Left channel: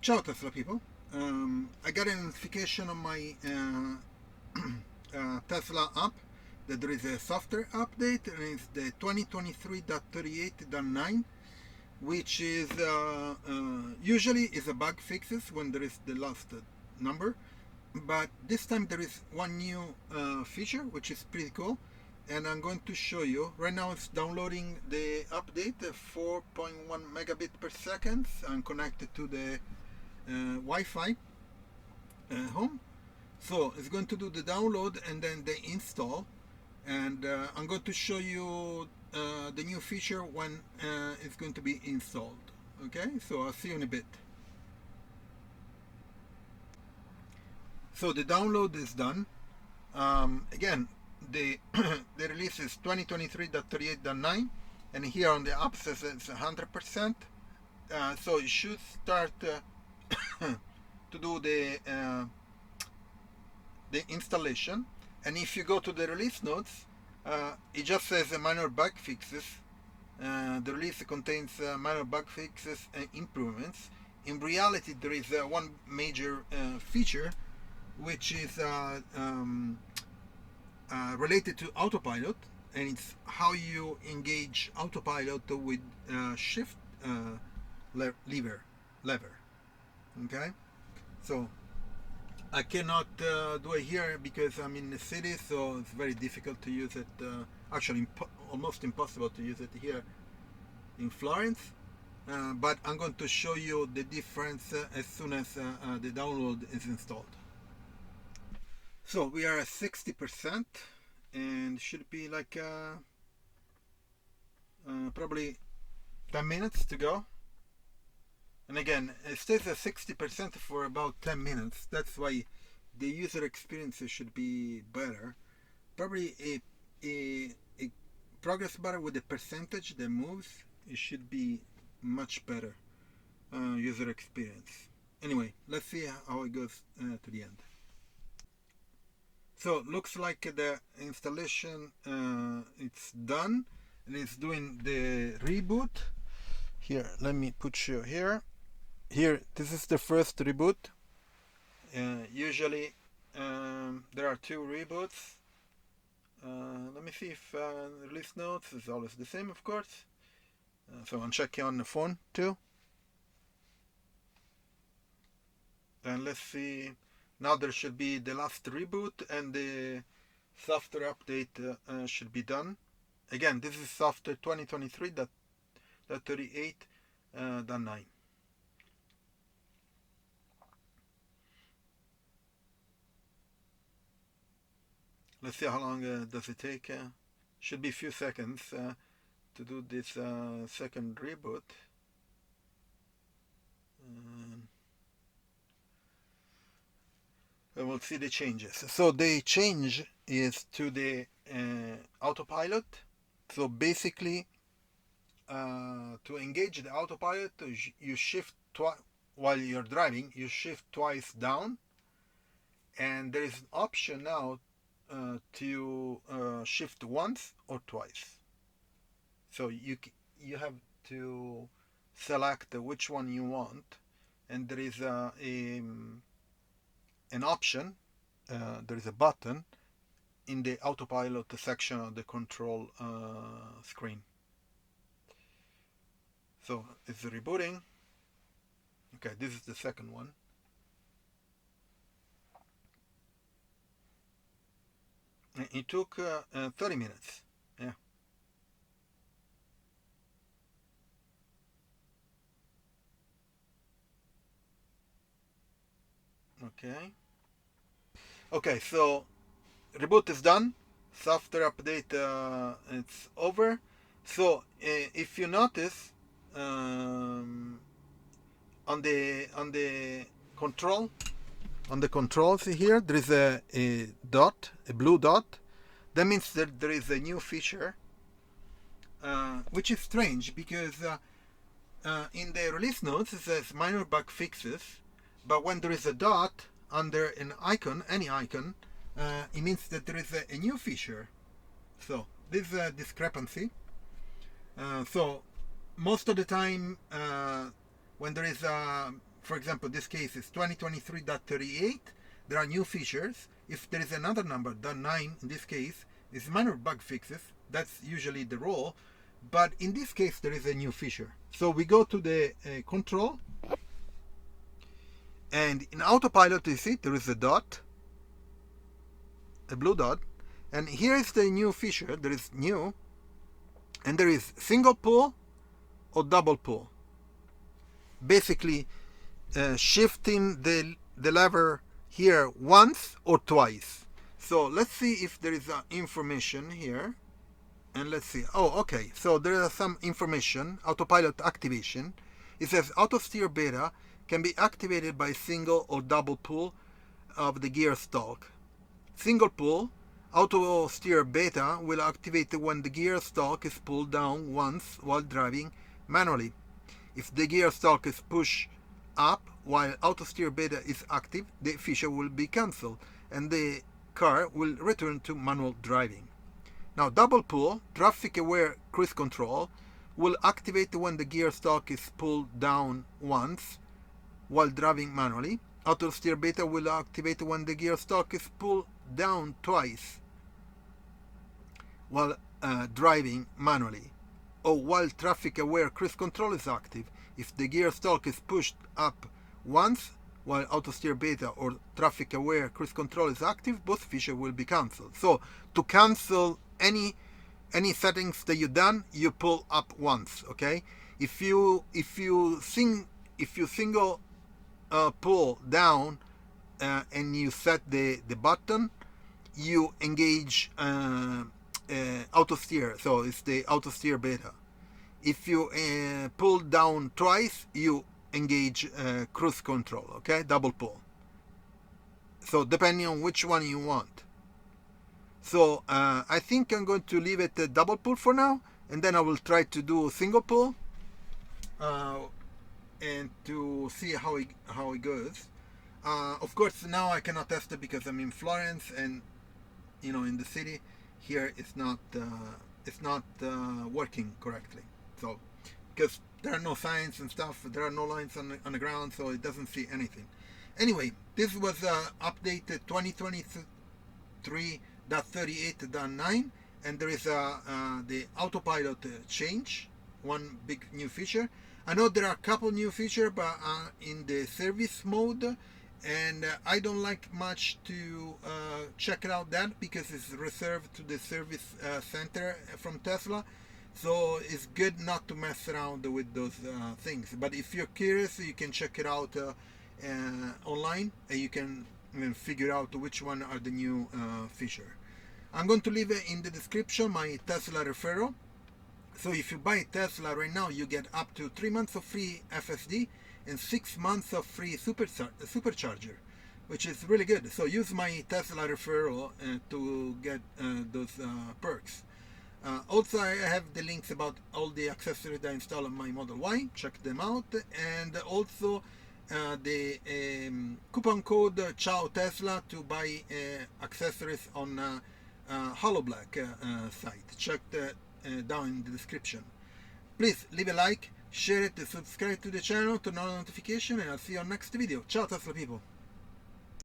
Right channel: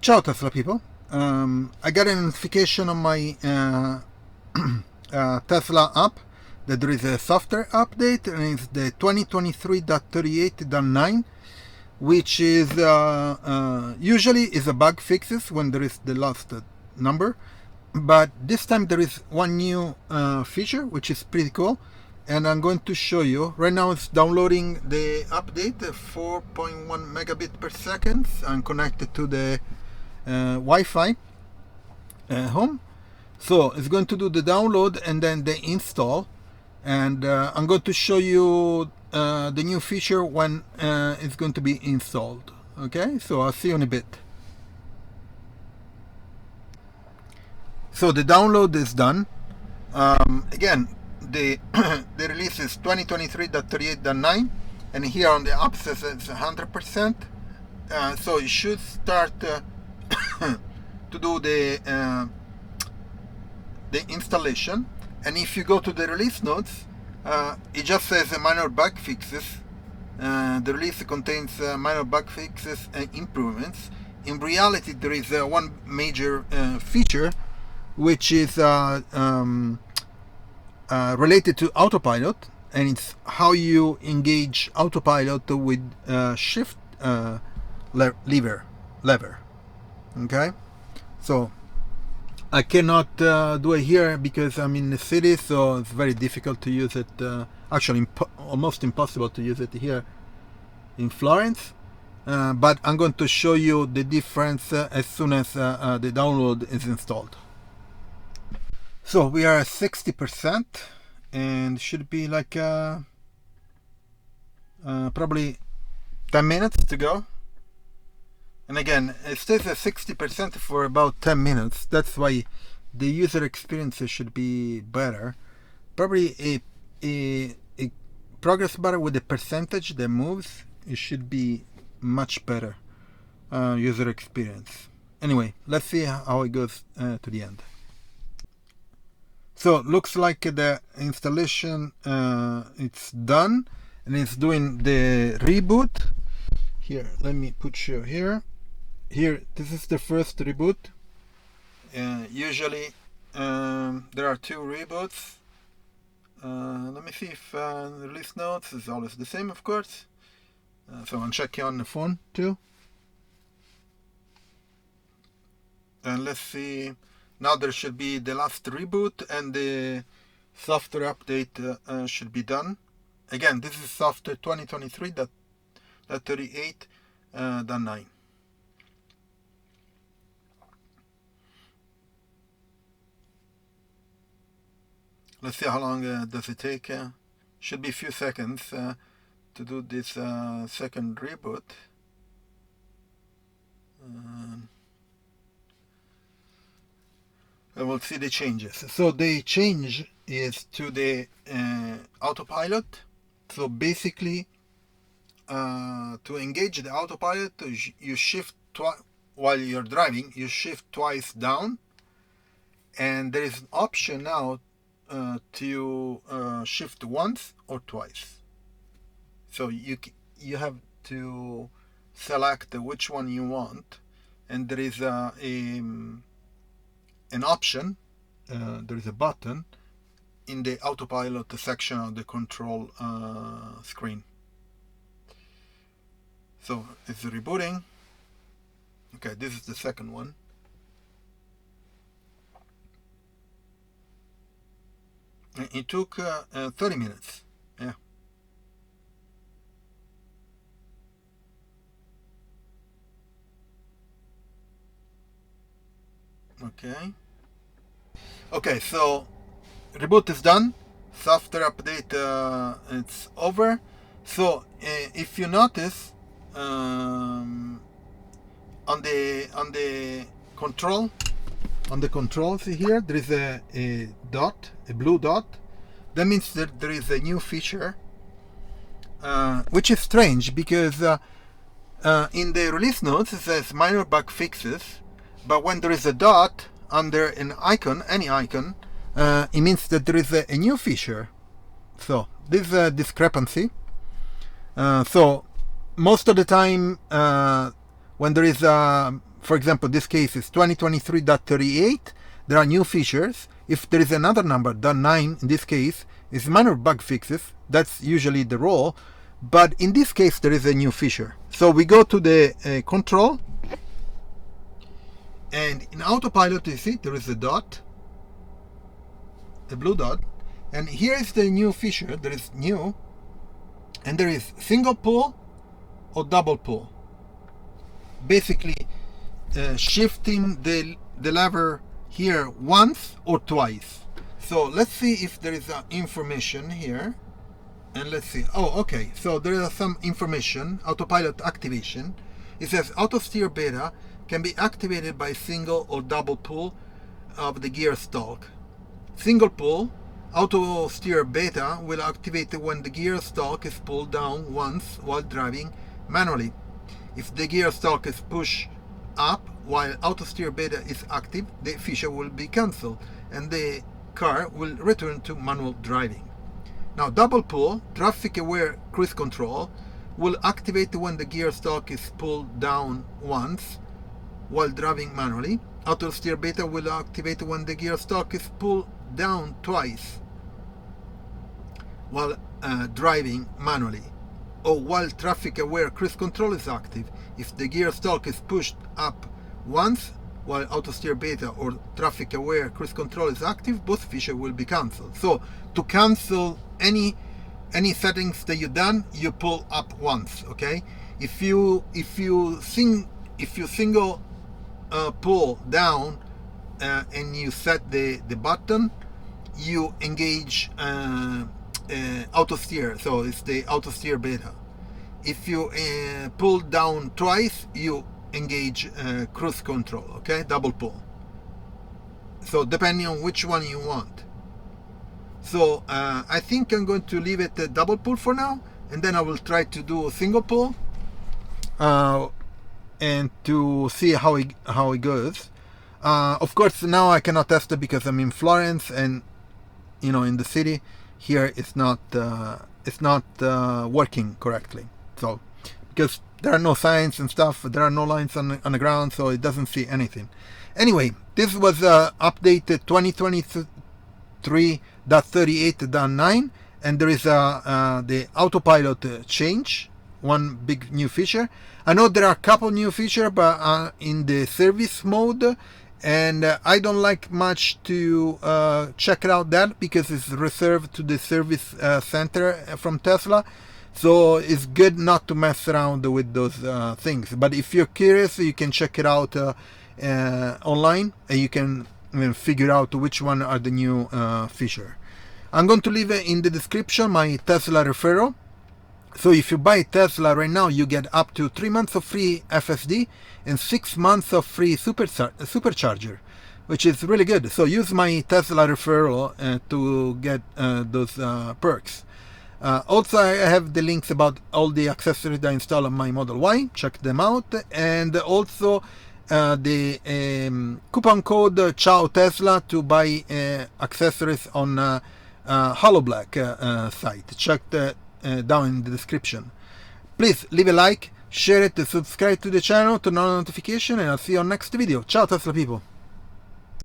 Ciao Tesla people. I got a notification on my Tesla app that there is a software update, and it's the 2023.38.9, which is usually is a bug fixes when there is the last number, but this time there is one new feature which is pretty cool, and I'm going to show you. Right now it's downloading the update, 4.1 megabit per second. I'm connected to the Wi-Fi home, so it's going to do the download and then the install, and I'm going to show you the new feature when it's going to be installed. Okay, so I'll see you in a bit. So the download is done. Again, the the release is 2023.38.9, and here on the app says it's 100%. So it should start to do the installation. And if you go to the release notes, it just says minor bug fixes. The release contains minor bug fixes and improvements. In reality, there is one major feature, which is related to Autopilot, and it's how you engage Autopilot with shift lever. Okay, so I cannot do it here because I'm in the city, so it's very difficult to use it. Actually, almost impossible to use it here in Florence. But I'm going to show you the difference as soon as the download is installed. So we are at 60%, and should be like probably 10 minutes to go. And again, it stays at 60% for about 10 minutes. That's why the user experience should be better. Probably a progress bar with the percentage that moves, it should be much better user experience. Anyway, let's see how it goes to the end. So looks like the installation it's done, and it's doing the reboot. Here, let me put you here. Here, this is the first reboot. Usually there are two reboots. Let me see if release notes is always the same, of course. So I'm checking on the phone too. And let's see. Now there should be the last reboot, and the software update should be done. Again, this is software 2023.38.9. Let's see how long does it take. Should be a few seconds to do this second reboot. And we'll see the changes. So the change is to the Autopilot. So basically, to engage the Autopilot, you shift while you're driving, you shift twice down, and there is an option now to shift once or twice. So you have to select which one you want, and there is an option. There is a button in the Autopilot section of the control screen. So it's rebooting. Okay, this is the second one. It took 30 minutes. Yeah. Okay, so reboot is done. Software update it's over. So if you notice on the controls here, there is a dot, a blue dot. That means that there is a new feature, which is strange because in the release notes it says minor bug fixes, but when there is a dot under an icon, any icon, it means that there is a new feature. So this is a discrepancy. So most of the time when there is a for example, this case is 2023.38. There are new features. If there is another number, .9 in this case, is minor bug fixes. That's usually the role. But in this case, there is a new feature. So we go to the control. And in Autopilot, you see, there is a dot, a blue dot. And here is the new feature. There is new. And there is single pull or double pull. Basically, shifting the lever here once or twice. So let's see if there is information here. And let's see. Oh, okay. So there is some information. Autopilot activation. It says auto steer beta can be activated by single or double pull of the gear stalk. Single pull, auto steer beta will activate when the gear stalk is pulled down once while driving manually. If the gear stalk is pushed up while auto steer beta is active, the feature will be cancelled and the car will return to manual driving. Now double pull, traffic aware cruise control, will activate when the gear stalk is pulled down once while driving manually. Auto steer beta will activate when the gear stalk is pulled down twice while driving manually, or while traffic aware cruise control is active. If the gear stalk is pushed up once while auto steer beta or traffic aware cruise control is active, both features will be cancelled. So to cancel any settings that you've done, you pull up once. Okay, if you single pull down and you set the button, you engage auto steer, so it's the auto steer beta. If you pull down twice, you engage cruise control. Okay, double pull. So depending on which one you want. So I think I'm going to leave it a double pull for now, and then I will try to do a single pull and to see how it goes. Of course, now I cannot test it because I'm in Florence, and in the city here it's not working correctly. So because there are no signs and stuff, there are no lines on the ground, so it doesn't see anything. Anyway, this was updated 2023.38.9, and there is the autopilot change, one big new feature. I know there are a couple new features, but in the service mode, and I don't like much to check out that because it's reserved to the service center from Tesla. So it's good not to mess around with those things. But if you're curious, you can check it out online, and you can figure out which one are the new feature. I'm going to leave in the description my Tesla referral. So if you buy Tesla right now, you get up to 3 months of free FSD and 6 months of free Supercharger, which is really good. So use my Tesla referral to get those perks. Also, I have the links about all the accessories that I install on my Model Y. Check them out. And also the coupon code Ciao Tesla to buy accessories on Hollow Black site. Check that down in the description. Please leave a like, share it, subscribe to the channel, turn on notification, and I'll see you on next video. Ciao Tesla people.